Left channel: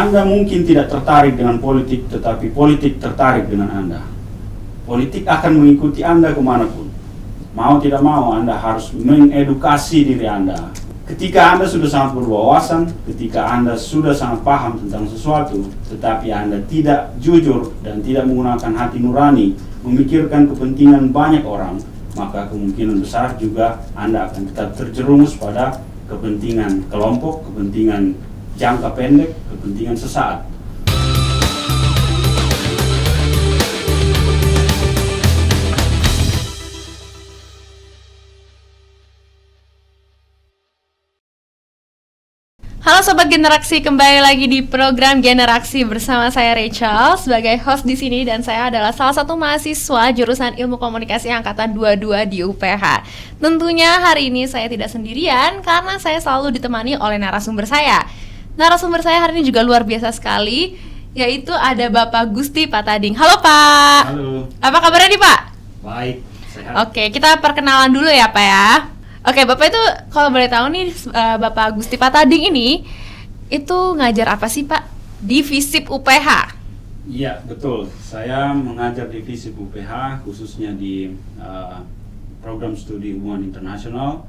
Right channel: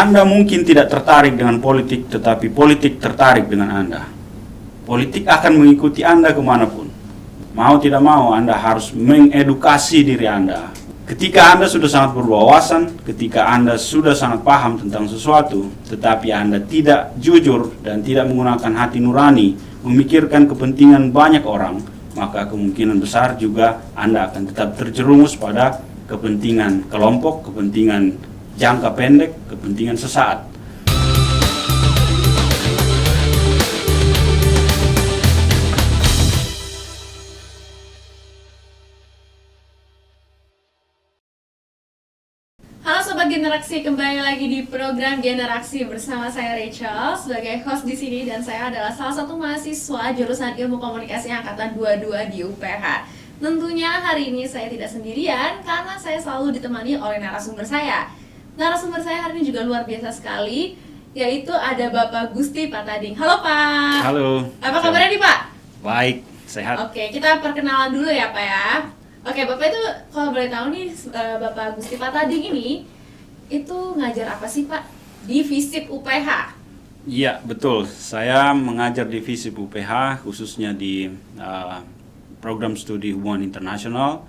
Anda mungkin tidak tertarik dengan politik, tetapi politik tertarik dengan Anda. Politik akan mengikuti Anda kemanapun. Mau tidak mau, Anda harus mengedukasi diri Anda. Ketika Anda sudah sangat berwawasan, ketika Anda sudah sangat paham tentang sesuatu, tetapi Anda tidak jujur dan tidak menggunakan hati nurani, memikirkan kepentingan banyak orang, maka kemungkinan besar juga Anda akan tetap terjerumus pada kepentingan kelompok, kepentingan jangka pendek, kepentingan sesaat. Halo Sobat Generaksi, kembali lagi di program Generaksi bersama saya Rachel sebagai host di sini, dan saya adalah salah satu mahasiswa jurusan Ilmu Komunikasi angkatan 22 di UPH. Tentunya hari ini saya tidak sendirian karena saya selalu ditemani oleh narasumber saya. Narasumber saya hari ini juga luar biasa sekali, yaitu ada Bapak Gusti Patading. Halo Pak. Halo. Apa kabarnya nih Pak? Baik, sehat. Oke, kita perkenalan dulu ya Pak ya. Oke, Bapak itu kalau boleh tahu nih, Bapak Gusti Patading ini itu ngajar apa sih Pak di FISIP UPH? Iya, betul. Saya mengajar di FISIP UPH, khususnya di program studi hubungan internasional,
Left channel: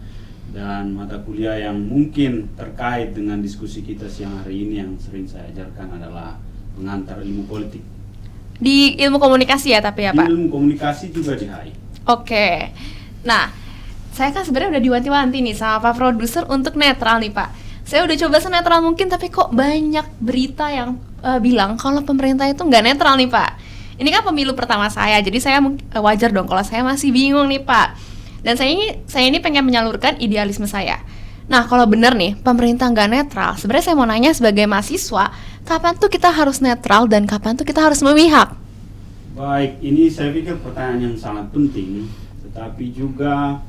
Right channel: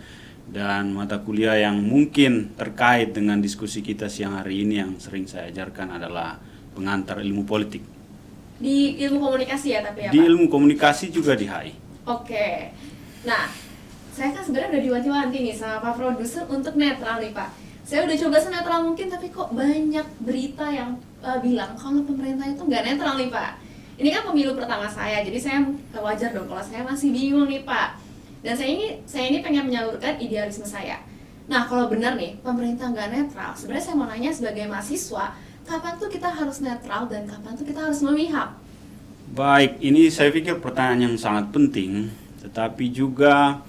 dan mata kuliah yang mungkin terkait dengan diskusi kita siang hari ini yang sering saya ajarkan adalah pengantar ilmu politik. Di ilmu komunikasi ya tapi ya Di Pak? ilmu komunikasi juga di HI. Oke. Nah, saya kan sebenarnya udah diwanti-wanti nih sama Pak Produser untuk netral nih Pak. Saya udah coba senetral mungkin, tapi kok banyak berita yang bilang kalau pemerintah itu nggak netral nih Pak. Ini kan pemilu pertama saya, jadi saya wajar dong kalau saya masih bingung nih Pak. Dan saya ini pengen menyalurkan idealisme saya. Nah, kalau benar nih pemerintah nggak netral, sebenarnya saya mau nanya sebagai mahasiswa, kapan tuh kita harus netral dan kapan tuh kita harus memihak? Baik, ini saya pikir pertanyaan yang sangat penting, tetapi juga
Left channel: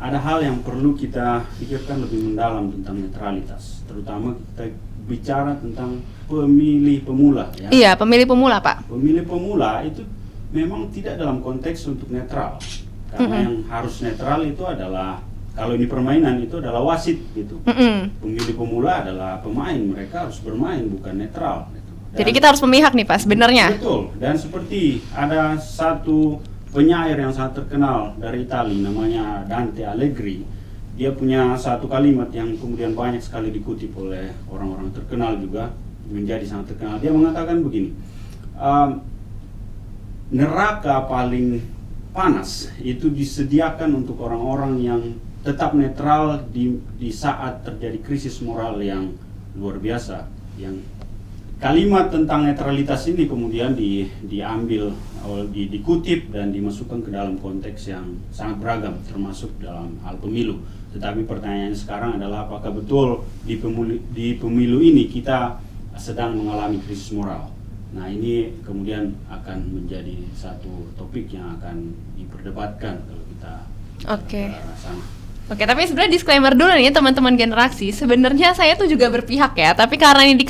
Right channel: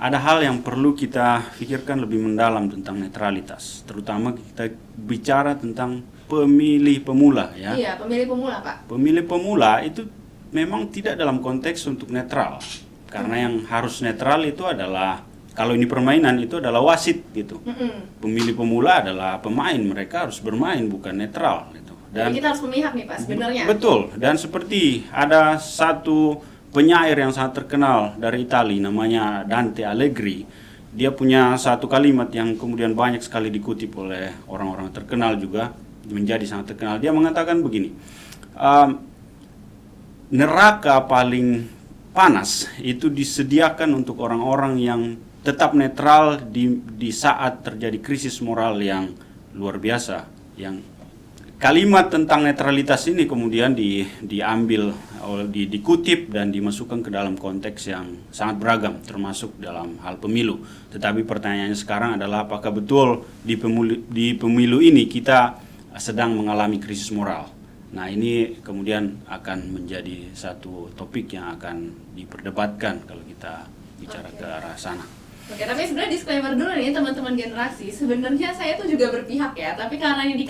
ada hal yang perlu kita pikirkan lebih mendalam tentang netralitas, terutama kita bicara tentang pemilih pemula ya. Iya, pemilih pemula Pak. Pemilih pemula itu memang tidak dalam konteks untuk netral, karena yang harus netral itu adalah, kalau ini permainan itu adalah wasit gitu. Pemilih pemula adalah pemain, mereka harus bermain bukan netral gitu. Jadi kita harus memihak nih Pak sebenarnya. Betul, dan seperti ada satu penyair yang sangat terkenal dari Italia namanya Dante Alighieri. Dia punya satu kalimat yang kemudian banyak sekali dikutip oleh orang-orang terkenal juga, menjadi sangat terkenal. Dia mengatakan begini, neraka paling panas itu disediakan untuk orang-orang yang tetap netral di saat terjadi krisis moral yang luar biasa. Yang kalimat tentang netralitas ini kemudian diambil, dikutip dan dimasukkan ke dalam konteks yang sangat beragam, termasuk dalam hal pemilu. Tetapi pertanyaannya sekarang adalah apakah betul di pemilu ini kita sedang mengalami krisis moral. Nah, ini kemudian akan menjadi satu topik yang akan diperdebatkan kalau kita bicara ke arah sana. Oke, tapi sebenarnya disclaimer dulu nih teman-teman Generaksi. Sebenarnya saya tuh juga berpihak ya, tapi karena ini di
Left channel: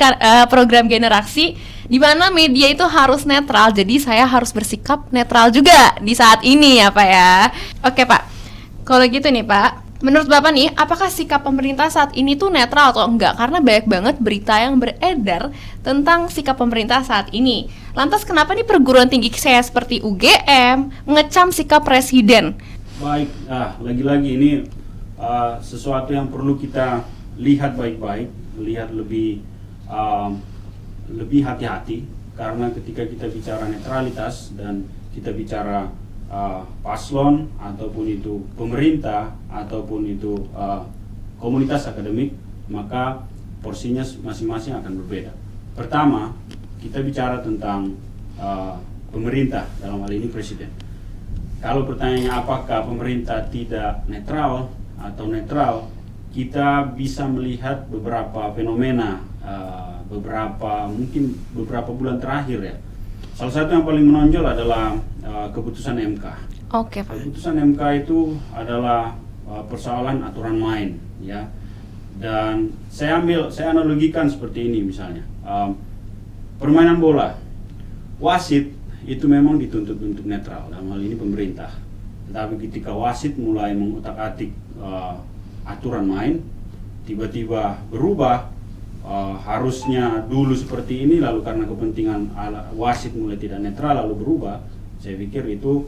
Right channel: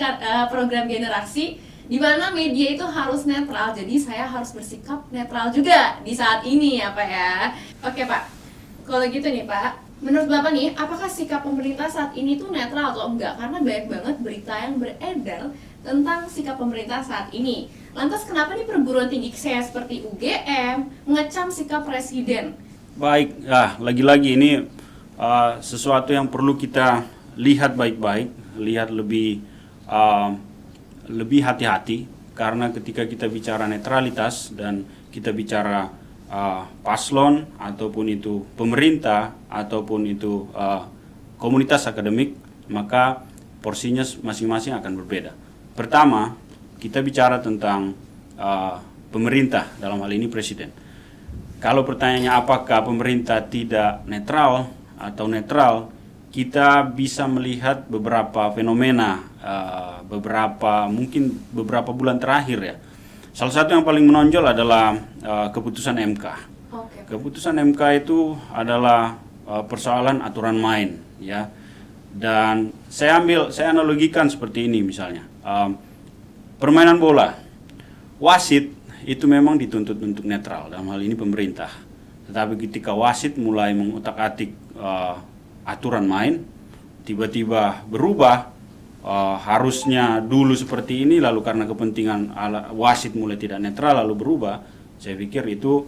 program Generaksi di mana media itu harus netral, jadi saya harus bersikap netral juga di saat ini ya Pak ya. Oke Pak, kalau gitu nih Pak, menurut Bapak nih, apakah sikap pemerintah saat ini tuh netral atau enggak? Karena banyak banget berita yang beredar tentang sikap pemerintah saat ini. Lantas kenapa nih perguruan tinggi saya seperti UGM mengecam sikap presiden? Baik, lagi-lagi ini sesuatu yang perlu kita lihat baik-baik, lihat lebih hati-hati, karena ketika kita bicara netralitas dan kita bicara paslon ataupun itu pemerintah ataupun itu komunitas akademik, maka porsinya masing-masing akan berbeda. Pertama, kita bicara tentang pemerintah, dalam hal ini presiden. Kalau pertanyaannya apakah pemerintah tidak netral atau netral, kita bisa melihat beberapa fenomena mungkin beberapa bulan terakhir ya. Salah satu yang paling menonjol adalah keputusan MK. Oke, Pak. Keputusan MK itu adalah persoalan aturan main ya. Dan saya analogikan seperti ini misalnya. Permainan bola. Wasit itu memang dituntut untuk netral, dalam hal ini pemerintah. Tetapi ketika wasit mulai mengutak-atik aturan main, tiba-tiba berubah, harusnya dulu seperti ini, lalu karena kepentingan wasit mulai tidak netral lalu berubah, saya pikir itu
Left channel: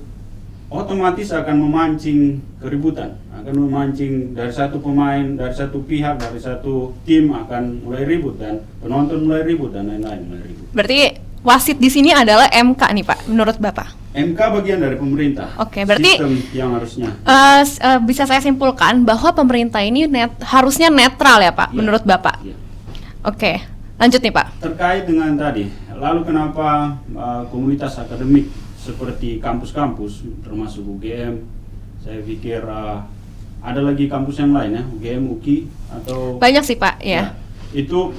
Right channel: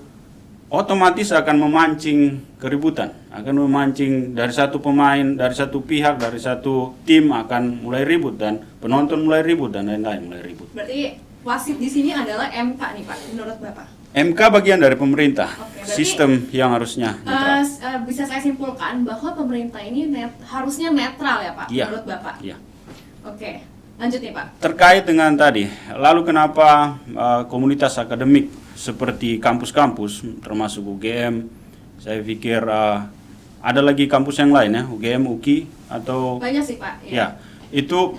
otomatis akan memancing keributan, akan memancing dari satu pemain, dari satu pihak, dari satu tim akan mulai ribut dan penonton mulai ribut dan lain-lain mulai ribut. Berarti wasit di sini adalah MK nih Pak, menurut Bapak? MK bagian dari pemerintah. Oke, berarti sistem yang harusnya bisa saya simpulkan bahwa pemerintah ini harusnya netral ya Pak, ya, menurut Bapak? Ya. Oke, lanjut nih Pak. Terkait dengan tadi, lalu kenapa komunitas akademik seperti kampus-kampus termasuk UGM, saya pikir ada lagi kampus yang lain ya, UGM, UKI atau banyak sih Pak, ya. Itu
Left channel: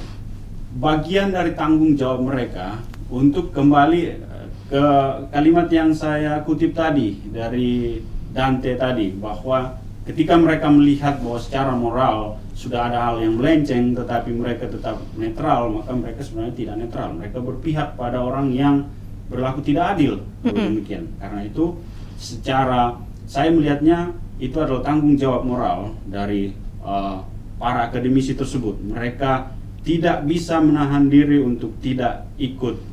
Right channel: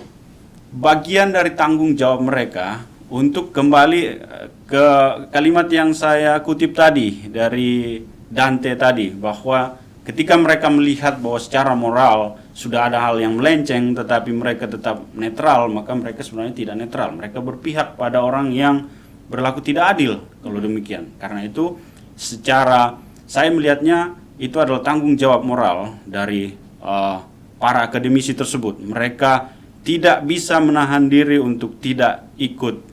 bagian dari tanggung jawab mereka untuk kembali ke kalimat yang saya kutip tadi dari Dante tadi, bahwa ketika mereka melihat bahwa secara moral sudah ada hal yang melenceng tetapi mereka tetap netral, maka mereka sebenarnya tidak netral, mereka berpihak pada orang yang berlaku tidak adil kalau demikian. Karena itu secara saya melihatnya itu adalah tanggung jawab moral dari para akademisi tersebut. Mereka tidak bisa menahan diri untuk tidak ikut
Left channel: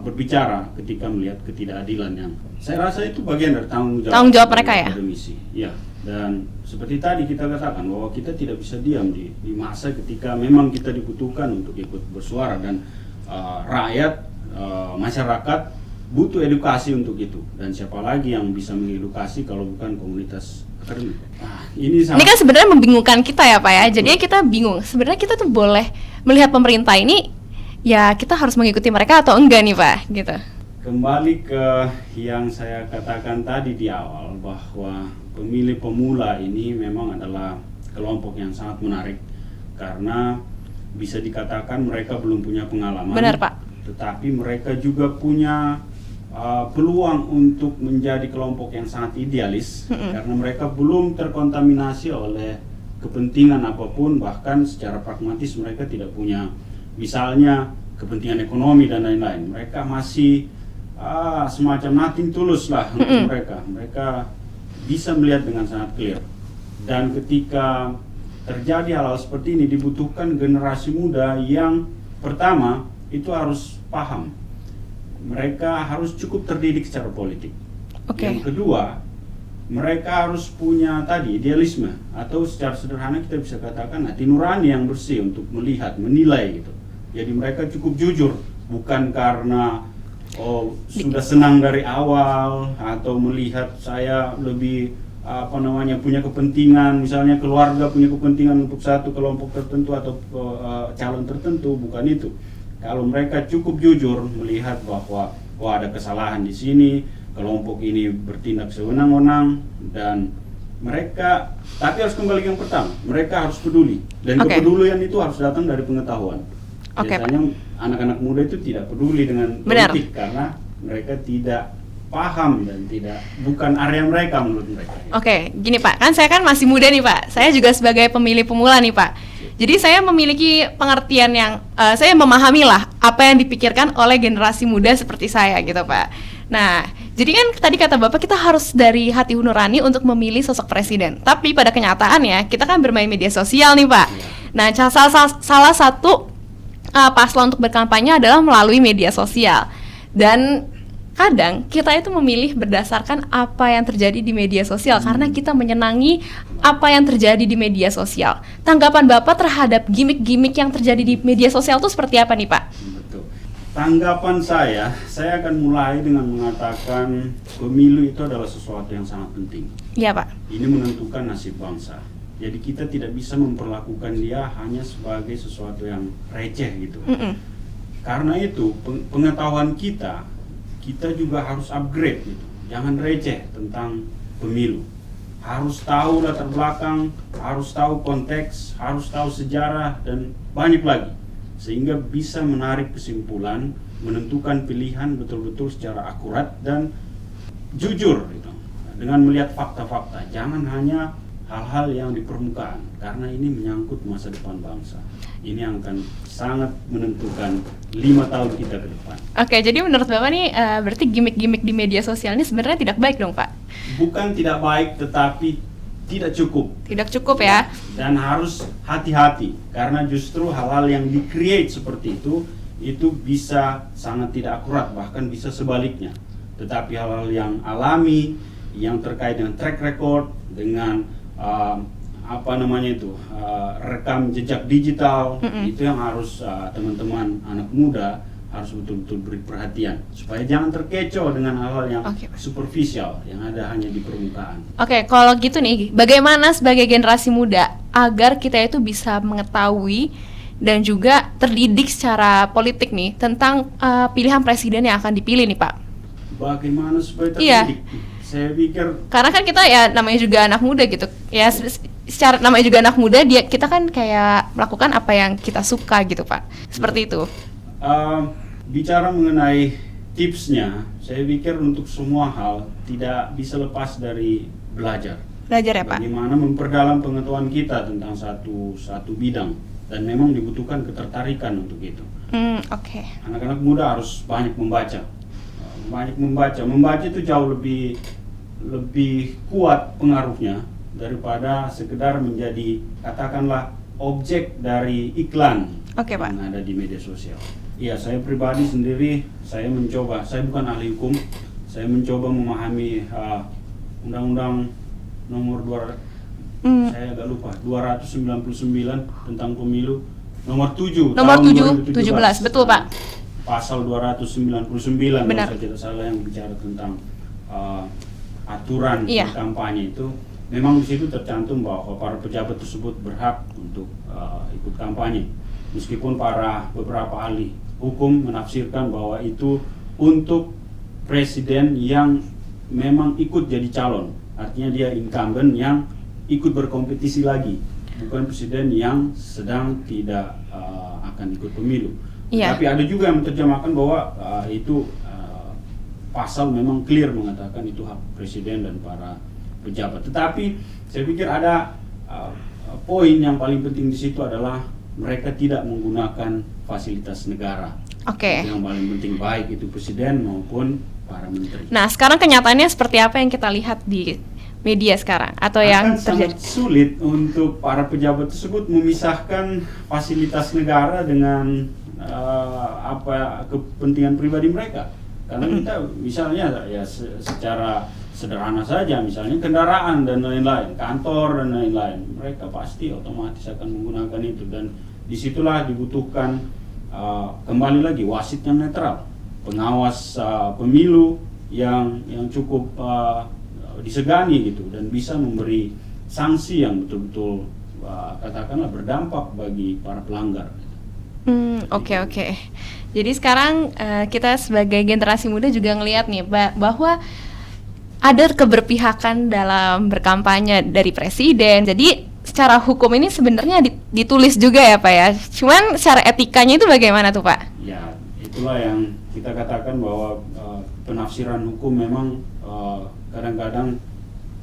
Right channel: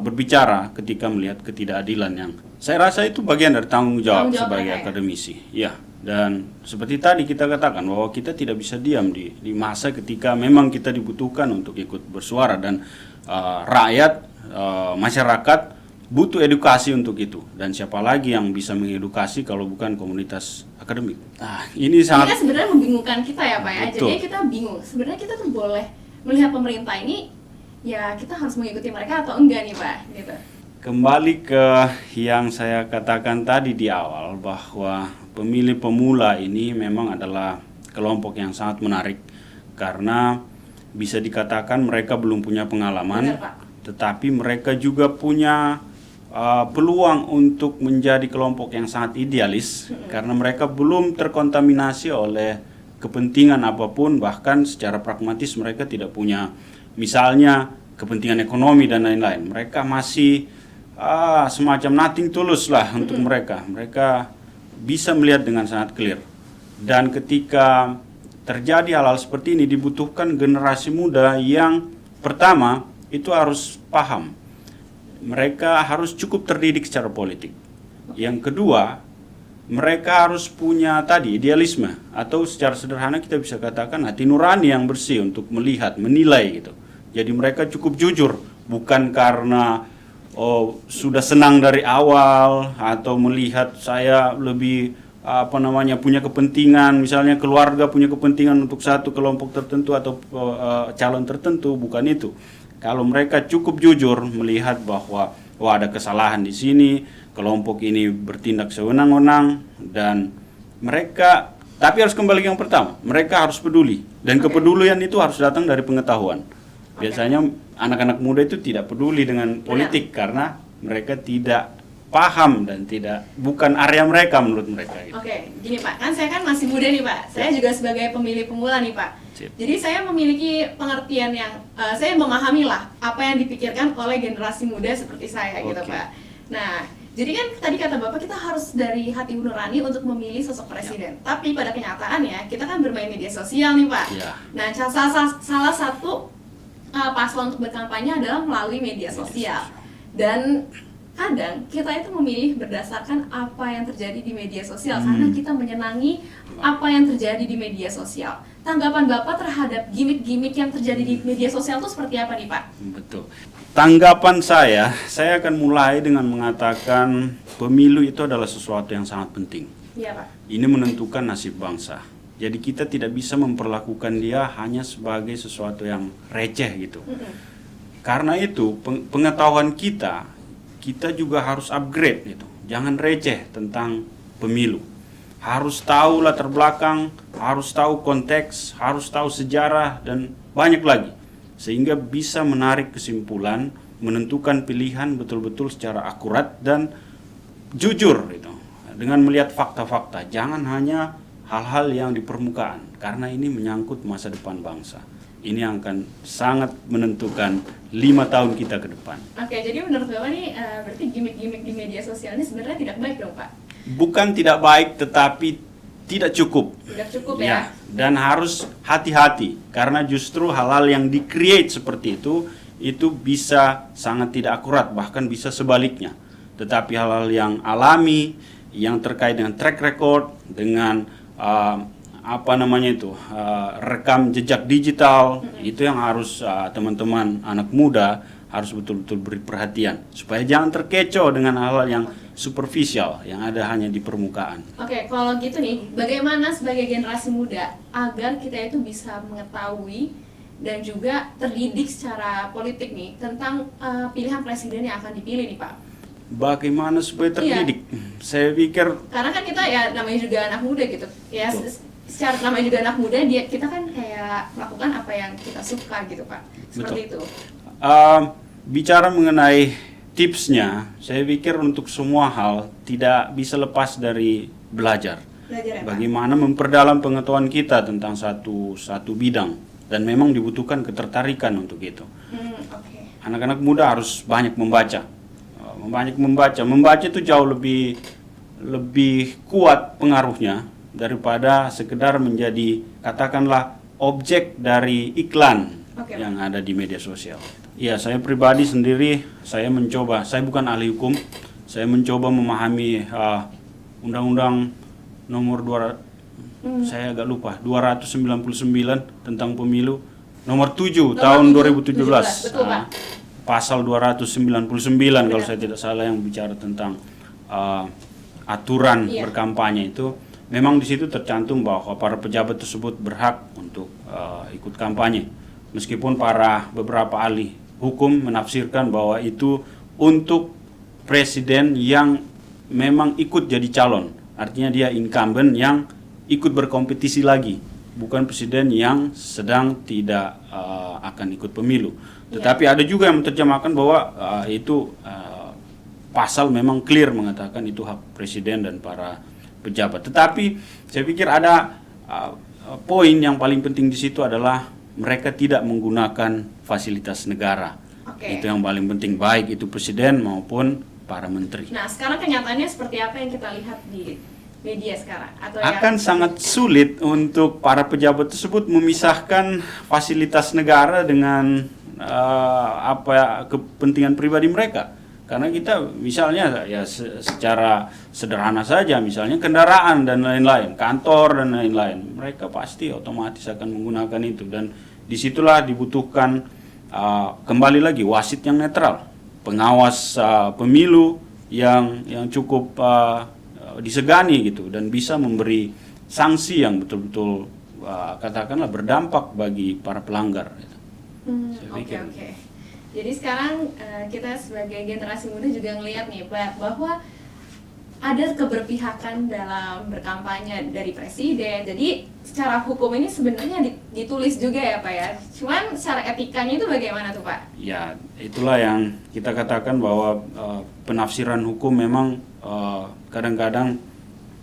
berbicara ketika melihat ketidakadilan yang saya rasa itu bagian dari tanggung jawab mereka ya, akademisi. Ya, dan seperti tadi kita katakan bahwa kita tidak bisa diam di masa ketika memang kita dibutuhkan untuk ikut bersuara dan rakyat, masyarakat butuh edukasi untuk itu, dan siapa lagi yang bisa mengedukasi kalau bukan komunitas akademik. Nah, ini kan sebenarnya membingungkan kita ya Pak ya. Betul. Jadinya kita bingung. Sebenarnya kita tuh boleh melihat pemerintah ini, ya kita harus mengikuti mereka atau enggak nih Pak, gitu. Kembali ke yang saya katakan tadi di awal, bahwa pemilih pemula ini memang adalah kelompok yang sangat menarik karena bisa dikatakan mereka belum punya pengalaman. Benar Pak. Tetapi mereka juga punya peluang untuk menjadi kelompok yang sangat idealis karena mereka belum terkontaminasi oleh kepentingan apapun, bahkan secara pragmatis mereka tidak punya misalnya kepentingan ekonomi dan lain-lain. Mereka masih semacam nothing tulus lah untuk mereka. Mereka bisa melihat dengan sangat clear. Dan ketika terjadi hal-hal seperti ini dibutuhkan generasi muda yang pertama itu harus paham. Mereka harus cukup terdidik secara politik. Yang kedua, mereka harus punya tadi idealisme, atau secara sederhana kita bisa katakan hati nurani yang bersih untuk melihat, menilai gitu. Jadi mereka cukup jujur, bukan karena sudah senang dari awal atau melihat saya lebih punya kepentingan, misalnya keluarga punya kepentingan untuk satu kelompok tertentu atau calon tertentu, bukan itu. Kalau mereka cukup jujur melihat bahwa ada kesalahan di sini, kelompok ini bertindak sewenang-wenang, dan mereka, tapi harus kembali yang pertama, mereka harus peduli, dan kepedulian itu harus datang dari pengetahuan. Biasanya anak-anak muda itu tidak peduli dengan politik karena mereka tidak paham dan bukan area mereka menurut mereka. Gitu. Gini Pak, kan saya kan masih muda nih Pak. Saya juga sebagai pemilih pemula nih Pak. Jadi saya memiliki pengertian yang saya memahami lah apa yang dipikirkan oleh generasi muda seperti saya gitu Pak. Nah, jadi kan tadi kata Bapak kita harus dari hati nurani untuk memilih sosok presiden. Tapi pada kenyataannya kita kan bermain media sosial nih Pak. Nah, salah satu paslon untuk berkampanye adalah melalui media sosial. Dan kadang kita itu memilih berdasarkan apa yang terjadi di media sosial karena kita menyenangi apa yang terjadi di media sosial. Tanggapan Bapak terhadap gimmick-gimmick yang terjadi di media sosial itu seperti apa nih Pak? Betul. Tanggapan saya akan mulai dengan mengatakan pemilu itu adalah sesuatu yang sangat penting. Iya Pak. Ini menentukan nasib bangsa. Jadi kita tidak bisa memperlakukan dia hanya sebagai sesuatu yang receh gitu. Karena itu pengetahuan kita juga harus upgrade gitu. Jangan receh tentang pemilu. Harus tahu latar belakang, harus tahu konteks, harus tahu sejarah dan banyak lagi. Sehingga bisa menarik kesimpulan, menentukan pilihan betul-betul secara akurat dan jujur gitu. Dengan melihat fakta-fakta, jangan hanya hal-hal yang di permukaan karena ini menyangkut masa depan bangsa. Ini yang akan sangat menentukan 5 tahun kita ke depan. Jadi menurut Bapak nih berarti gimmick-gimmick di media sosial ini sebenarnya tidak baik dong Pak? Bukan tidak baik, tetapi tidak cukup. Tidak cukup ya? dan harus hati-hati karena justru hal-hal yang di-create seperti itu bisa sangat tidak akurat, bahkan bisa sebaliknya. Tetapi hal-hal yang alami, yang terkait dengan track record, dengan rekam jejak digital, itu yang harus teman-teman anak muda harus betul-betul beri perhatian supaya jangan terkecoh dengan hal-hal yang superficial yang ada hanya di permukaan. Oke, kalau gitu nih, bagaimana sebagai generasi muda agar kita itu bisa mengetahui dan juga terdidik secara politik nih tentang pilihan presiden yang akan dipilih nih Pak? Bagaimana supaya terdidik? Saya pikir karena kan kita ya namanya juga anak muda gitu ya, secara namanya juga anak muda, kita kan kayak melakukan apa yang kita suka gitu Pak, seperti itu. Bicara mengenai tipsnya, saya pikir untuk semua hal tidak bisa lepas dari belajar ya Pak. Bagaimana memperdalam pengetahuan kita tentang satu bidang, dan memang dibutuhkan ketertarikan untuk itu. Anak-anak muda harus banyak membaca. Membaca itu jauh lebih kuat pengaruhnya daripada sekedar menjadi katakanlah objek dari iklan yang ada di media sosial. Ya, saya pribadi sendiri, saya bukan ahli hukum, saya mencoba memahami Undang-Undang nomor 299 tentang pemilu, nomor 7 tahun 2017. Betul Pak. Pasal 299 kalau saya tidak salah yang bicara tentang aturan berkampanye itu. Memang di situ tercantum bahwa para pejabat tersebut berhak untuk ikut kampanye. Meskipun beberapa ahli hukum menafsirkan bahwa itu untuk presiden yang memang ikut jadi calon. Artinya dia incumbent yang ikut berkompetisi lagi, bukan presiden yang sedang tidak akan ikut pemilu. Tapi ada juga yang menerjemahkan bahwa itu pasal memang clear mengatakan itu hak presiden dan para pejabat. Tetapi saya pikir ada poin yang paling penting di situ adalah mereka tidak menggunakan fasilitas negara. Itu yang paling penting, baik itu presiden maupun para menteri. Nah, sekarang kenyataannya seperti apa yang kita lihat di media sekarang? Atau akan sangat sulit untuk para pejabat tersebut memisahkan fasilitas negara dengan kepentingan pribadi mereka. Karena kita misalnya ya secara sederhana saja, misalnya kendaraan dan lain-lain, kantor dan lain-lain, mereka pasti otomatis akan menggunakan itu, dan disitulah dibutuhkan kembali lagi wasit yang netral, pengawas pemilu yang cukup disegani gitu, dan bisa memberi sanksi yang betul-betul katakanlah berdampak bagi para pelanggar. Oke. Jadi sekarang kita sebagai generasi muda juga ngelihat nih bahwa ada keberpihakan dalam berkampanye dari presiden. Jadi secara hukum ini sebenarnya ditulis juga ya Pak ya. Cuman secara etikanya itu bagaimana tuh Pak? Ya, itulah yang kita katakan bahwa penafsiran hukum memang kadang-kadang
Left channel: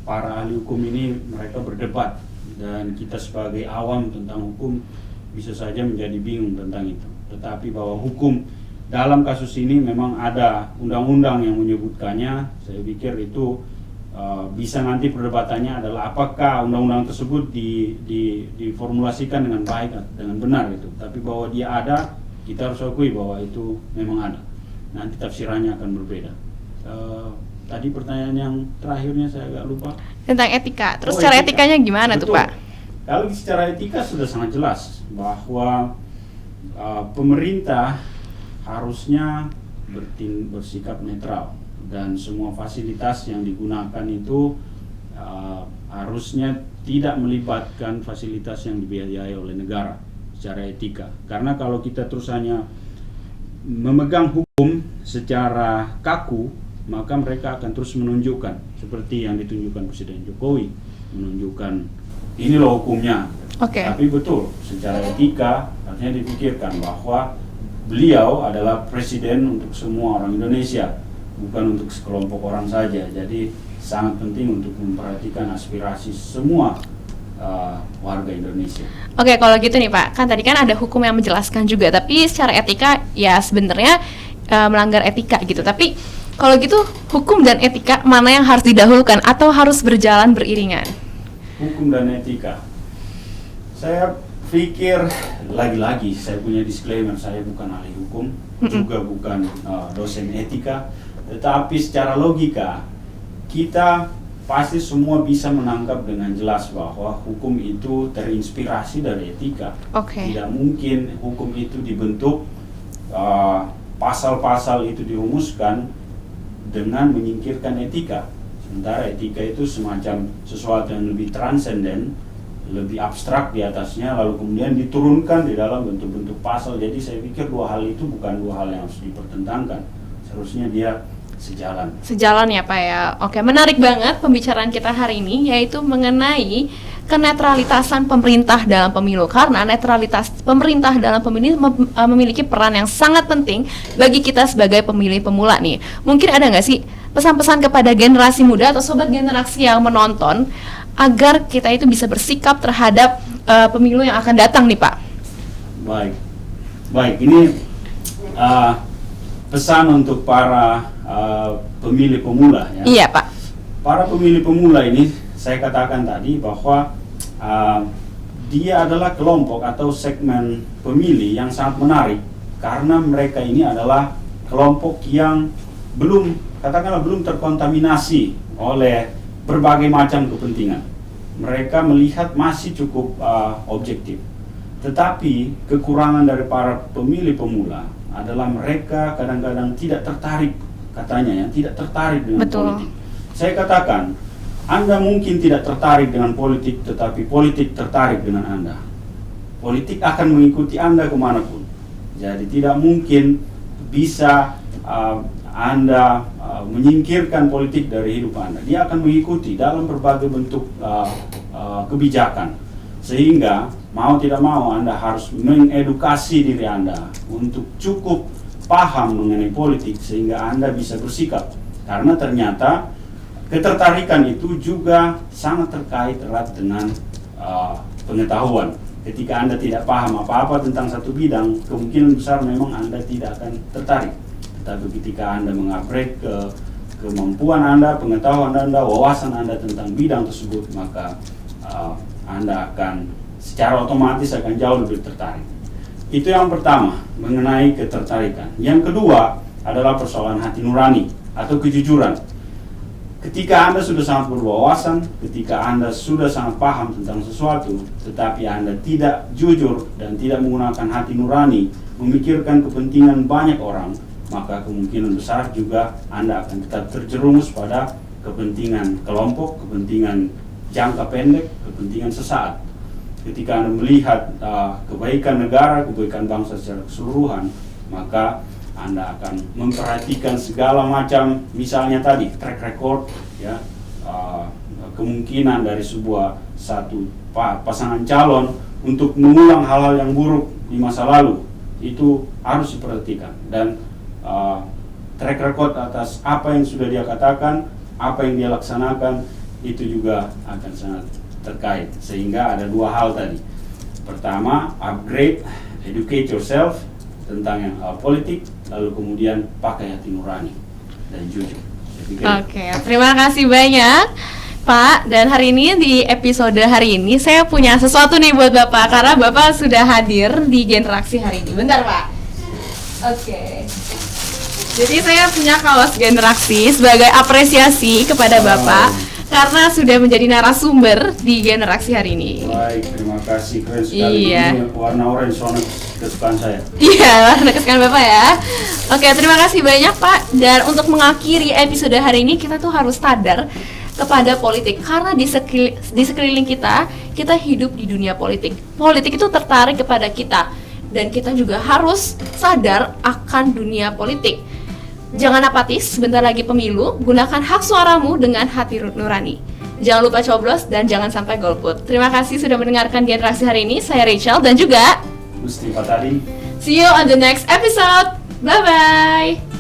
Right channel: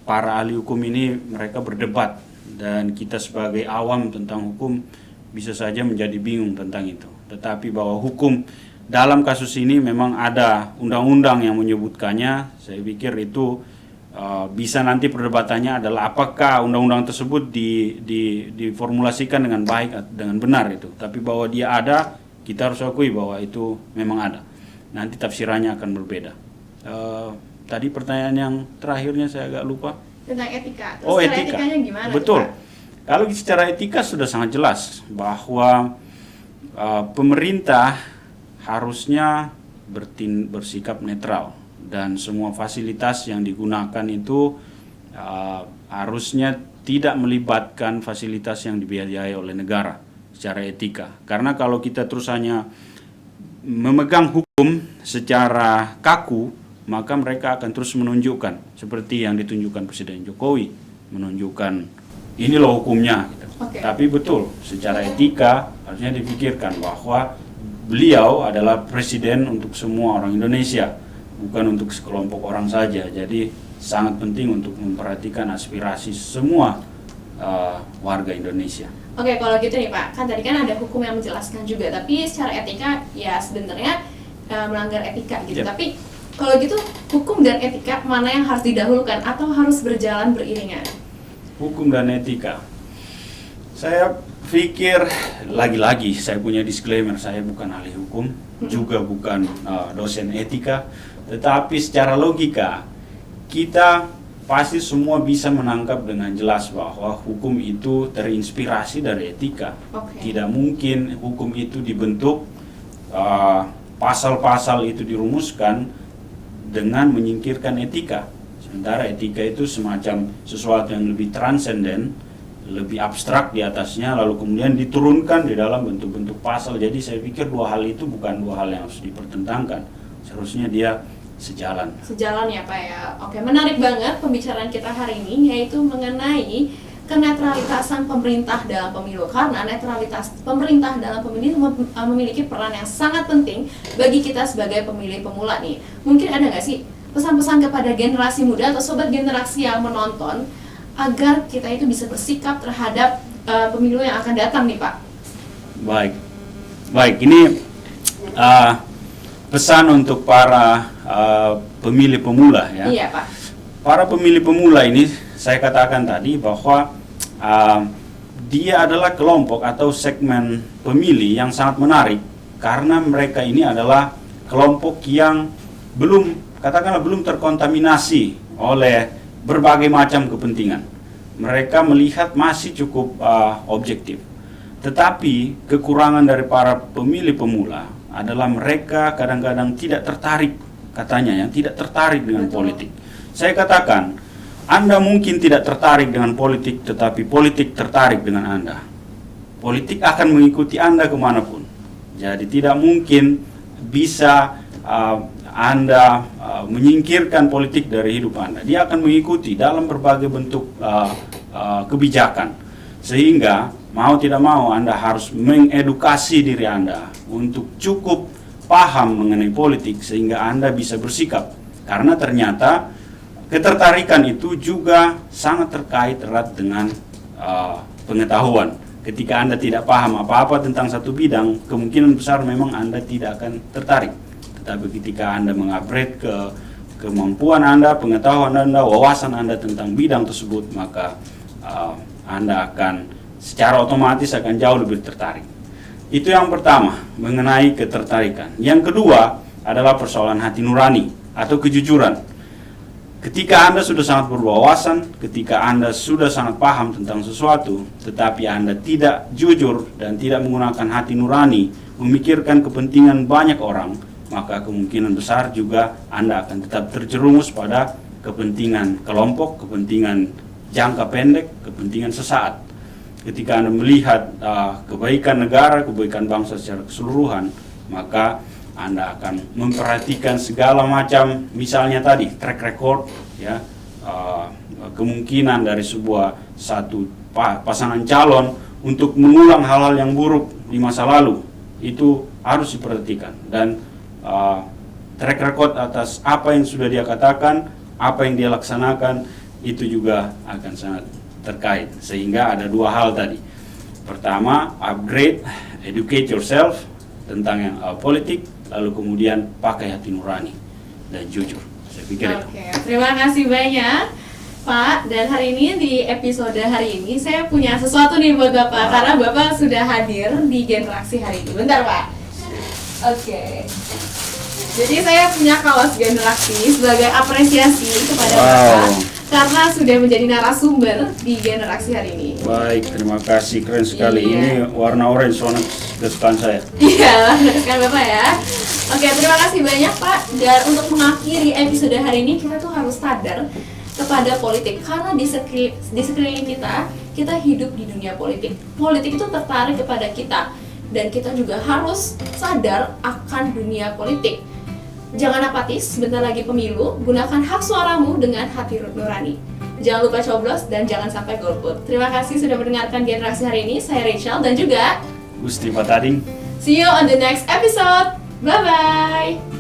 para ahli hukum ini mereka berdebat, dan kita sebagai awam tentang hukum bisa saja menjadi bingung tentang itu. Tetapi bahwa hukum dalam kasus ini memang ada undang-undang yang menyebutkannya. Saya pikir itu bisa nanti perdebatannya adalah apakah undang-undang tersebut diformulasikan dengan baik, dengan benar itu. Tapi bahwa dia ada, kita harus akui bahwa itu memang ada. Nanti tafsirannya akan berbeda. Tadi pertanyaan yang terakhirnya saya agak lupa. Tentang etika. Terus secara etikanya gimana tuh Pak? Kalau secara etika sudah sangat jelas bahwa pemerintah harusnya bersikap netral, dan semua fasilitas yang digunakan itu harusnya tidak melibatkan fasilitas yang dibiayai oleh negara secara etika. Karena kalau kita terus hanya memegang hukum secara kaku, maka mereka akan terus menunjukkan seperti yang ditunjukkan Presiden Jokowi, menunjukkan ini loh hukumnya. Tapi betul, secara etika harusnya dipikirkan bahwa beliau adalah presiden untuk semua orang Indonesia, bukan untuk sekelompok orang saja. Jadi sangat penting untuk memperhatikan aspirasi semua warga Indonesia. Kalau gitu nih Pak, kan tadi kan ada hukum yang menjelaskan juga, tapi secara etika ya sebenarnya melanggar etika gitu. Tapi kalau gitu hukum dan etika mana yang harus didahulukan atau harus berjalan beriringan? Hukum dan etika. Saya pikir lagi-lagi saya punya disclaimer, saya bukan ahli hukum, juga bukan dosen etika, tetapi secara logika kita pasti semua bisa menangkap dengan jelas bahwa hukum itu terinspirasi dari etika. Tidak mungkin hukum itu dibentuk, pasal-pasal itu dirumuskan dengan menyingkirkan etika. Sementara etika itu semacam sesuatu yang lebih transenden, lebih abstrak di atasnya, lalu kemudian diturunkan di dalam bentuk-bentuk pasal. Jadi saya pikir dua hal itu bukan dua hal yang harus dipertentangkan. Seharusnya dia sejalan. Sejalan ya Pak ya. Oke, menarik banget pembicaraan kita hari ini, yaitu mengenai kenetralitasan pemerintah dalam pemilu. Karena netralitas pemerintah dalam pemilu memiliki peran yang sangat penting bagi kita sebagai pemilih pemula nih. Mungkin ada nggak sih pesan-pesan kepada generasi muda atau sobat generasi yang menonton agar kita itu bisa bersikap terhadap pemilu yang akan datang nih Pak? Baik, ini pesan untuk para pemilih pemula ya. Iya Pak. Para pemilih pemula ini saya katakan tadi bahwa dia adalah kelompok atau segmen pemilih yang sangat menarik karena mereka ini adalah kelompok yang belum terkontaminasi oleh berbagai macam kepentingan. Mereka melihat masih cukup objektif. Tetapi kekurangan dari para pemilih pemula adalah mereka kadang-kadang tidak tertarik, katanya tidak tertarik dengan politik. Saya katakan, Anda mungkin tidak tertarik dengan politik, tetapi politik tertarik dengan Anda. Politik akan mengikuti Anda kemanapun. Jadi tidak mungkin bisa Anda menyingkirkan politik dari hidup Anda. Dia akan mengikuti dalam berbagai bentuk kebijakan. Sehingga mau tidak mau Anda harus mengedukasi diri Anda untuk cukup paham mengenai politik sehingga Anda bisa bersikap. Karena ternyata ketertarikan itu juga sangat terkait erat dengan pengetahuan. Ketika Anda tidak paham apa-apa tentang satu bidang, kemungkinan besar memang Anda tidak akan tertarik. Tapi ketika Anda mengupgrade kemampuan Anda, pengetahuan Anda, wawasan Anda tentang bidang tersebut, maka Anda akan secara otomatis akan jauh lebih tertarik. Itu yang pertama, mengenai ketertarikan. Yang kedua adalah persoalan hati nurani atau kejujuran. Ketika Anda sudah sangat berwawasan, ketika Anda sudah sangat paham tentang sesuatu, tetapi Anda tidak jujur dan tidak menggunakan hati nurani, memikirkan kepentingan banyak orang, maka kemungkinan besar juga Anda akan tetap terjerumus pada kepentingan kelompok, kepentingan jangka pendek, kepentingan sesaat. Ketika Anda melihat kebaikan negara, kebaikan bangsa secara keseluruhan, maka Anda akan memperhatikan segala macam, misalnya tadi track record, ya, kemungkinan dari satu pasangan calon untuk mengulang hal-hal yang buruk di masa lalu, itu harus diperhatikan. Dan track record atas apa yang sudah dia katakan, apa yang dia laksanakan, itu juga akan sangat terkait. Sehingga ada dua hal tadi. Pertama, upgrade, educate yourself tentang yang politik, lalu kemudian pakai hati nurani dan jujur. Oke, terima kasih banyak Pak. Dan hari ini di episode hari ini saya punya sesuatu nih buat Bapak, karena Bapak sudah hadir di Generaksi hari ini. Bentar Pak. Oke. Jadi saya punya kaos Generaksi sebagai apresiasi kepada Bapak karena sudah menjadi narasumber di Generaksi hari ini. Baik, terima kasih, keren sekali. Iya. Ini warna orange, warna kesukaan saya. Iya, warna kesukaan Bapak ya. Oke, terima kasih banyak Pak. Dan untuk mengakhiri episode hari ini, kita tuh harus sadar kepada politik, karena di sekeliling kita hidup di dunia politik. Politik itu tertarik kepada kita, dan kita juga harus sadar akan dunia politik. Jangan apatis, sebentar lagi pemilu, gunakan hak suaramu dengan hati nurani. Jangan lupa coblos dan jangan sampai golput. Terima kasih sudah mendengarkan Generasi hari ini. Saya Rachel dan juga Gusti Patading. See you on the next episode. Bye-bye.